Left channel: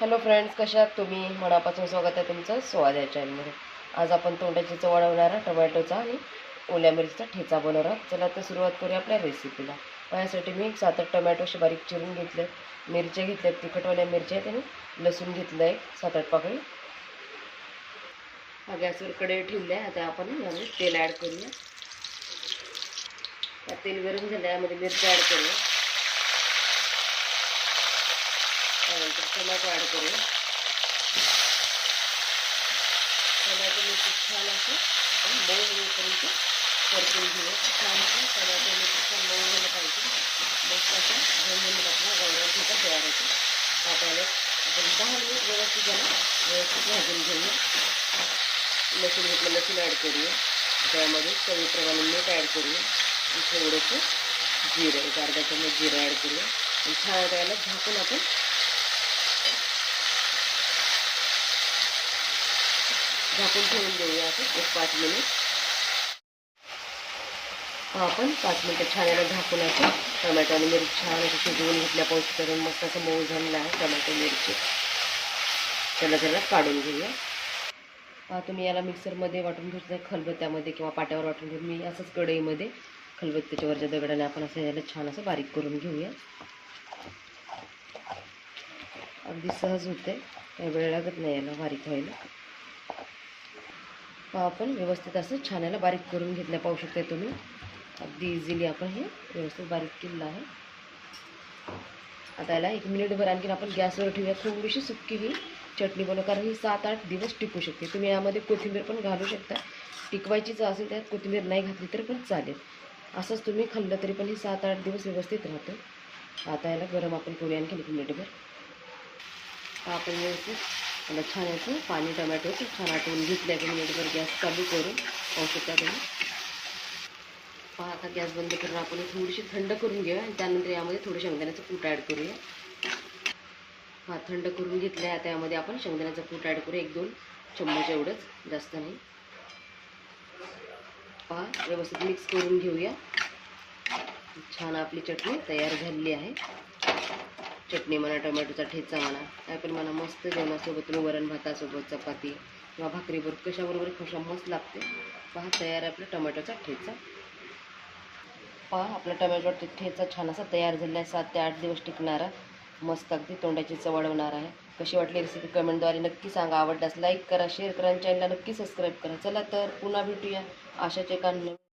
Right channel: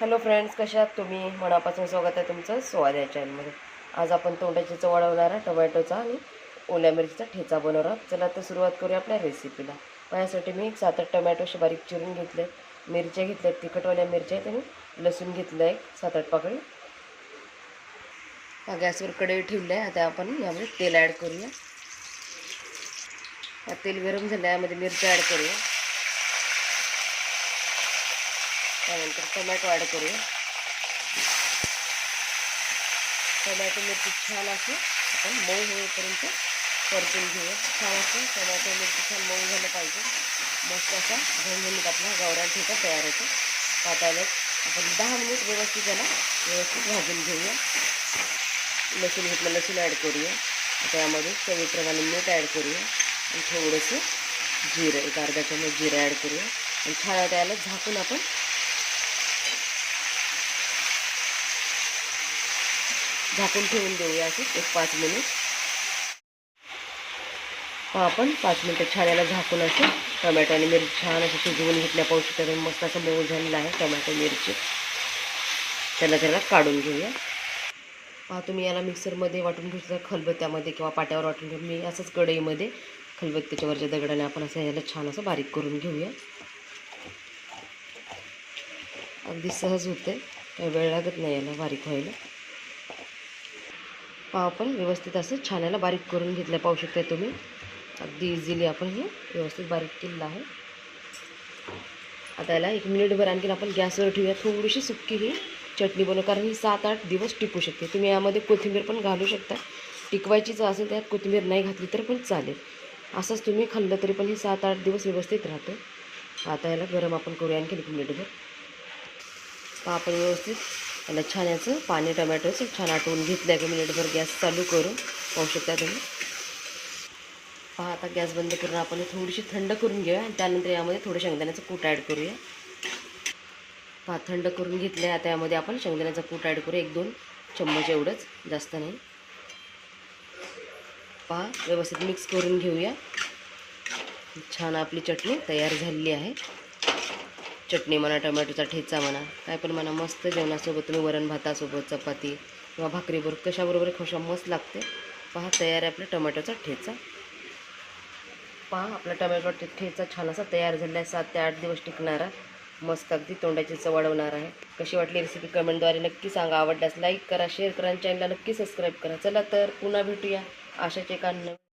Hello friends कशा आहात तुम्ही? मनापासून स्वागत आहे तुमचं स्वाद या चॅनलमध्ये आज आपण तोंडाची चव वाढवणारा टोमॅटोचा आणि ओल्या मिरचीचा ठेचा बनवणार आहोत. चला तर सुरुवात करूया आपल्या रेसिपीला यासाठी मी एक सात आठ टोमॅटो असे बारीक चिरून घेतले मिरच्या घेतल्या तिखटवाल्या मिरच्या आहेत आणि लसूण घेतलं आहे. सात आठ पाकळी. हा गॅसवर कडे ठेवलं आहे. आता आपण यामध्ये तेल ॲड करूया. तेल गरम झालं यामध्ये मिरच्या ॲड करूया. त्यानंतर टोमॅटो ॲड करूया टोमॅटो मिरची छान असं मऊ होईपर्यंत परतून घेऊया छान असं टोमॅटो मिरची छान मऊ झालं पाहिजे मस्त असा झणझणीत आपला गावरान ठेचा तयार होतो पातायला आपण दहा मिनिट व्यवस्थित त्याला व्यवस्थित भाजून घेऊया लसूण घेतलं लसूण ॲड करूया त्यामध्ये चवीप्रमाणे मीठ ॲड करूया आणि थोडंसं जिरं एक अर्धा चमच जिरं ॲड करूया आणि छान झाकून आपण झाकून ठेवून देऊया असं एक पाच मिनिट. आपण पाच मिनटं छान याला झाकून असं टोमॅटो आणि मिरची छान असं शिजवून घेतल्या पाऊस करून मस्त असं मऊ झालेलं आहे टोमॅटो मिरची. त्याला त्याला काढून घेऊया. पहा तुम्ही याला मिक्सरमध्ये वाटून घेतलं खलबत्त्यामध्ये किंवा पाट्यावर वाटून घेऊ मी असंच कढईमध्ये खलबत्त्याच्यावरच्या दगडाने आपण असं याला छान असं बारीक करून घेऊया. अगदी सहज होते काही वेळ लागत नाही याला बारीक व्हायला. पाव आपण व्यवस्थित असं छान याला बारीक करून घेतलं पाहू शकता तुम्ही. अगदी इझिली आपण हे व्यवस्थित बारीक केलेलं आहे. आता याला एक मिनिटभर आणखीन आपण गॅसवर ठेवूया. थोडीशी सुक्की ही चटणी बनव कारण ही सात आठ दिवस टिकू शकते. तुम्ही यामध्ये कोथिंबीर पण घालू शकता. टिकवायचीच असेल त्यात कोथिंबीर नाही घातली तर पण चालेल. असंच तुम्ही खाल्लं तरी पण ही सात आठ दिवस व्यवस्थित राहतं. आता याला गरम आपण करूया आणखी एक मिनिटभर. आपण व्यवस्थित त्याला छान याचं पाणी टमॅटोचं छान आटवून घेतलं आहे मिनिटभर गॅस चालू करून पाहू शकता तुम्ही. पहा आता गॅस बंद करून आपण थोडीशी थंड करून घेऊया आणि त्यानंतर यामध्ये थोडं शेंगदाण्याचं कूट ॲड करूया. पहा थंड करून घेतलं आहे आता यामध्ये आपण शेंगदाण्याचं कूट ॲड करूया. एक दोन चम्मच एवढंच जास्त नाही. पहा व्यवस्थित मिक्स करून घेऊया. छान आपली चटणी तयार झालेली आहे. चटणी म्हणा टोमॅटोचा ठेचा म्हणा काय पण म्हणा मस्त जेवणासोबत तुम्ही वरण भातासोबत चपाती किंवा भाकरीबरोबर कशाबरोबर खुशा मस्त लागते. पहा तयार आहे आपला टोमॅटोचा ठेचा. पहा आपला टमॅटो ठेचा छान असा तयार झाला आहे सात ते आठ दिवस टिकणारा मस्त अगदी तोंडाची चव वाढवणार आहे. कशी वाटली रेसिपी कमेंटद्वारे नक्की सांगा. आवडल्यास लाईक करा शेअर करा आणि चॅनलला नक्की सबस्क्राईब करा. चला तर पुन्हा भेटूया. अशाच एका नवीन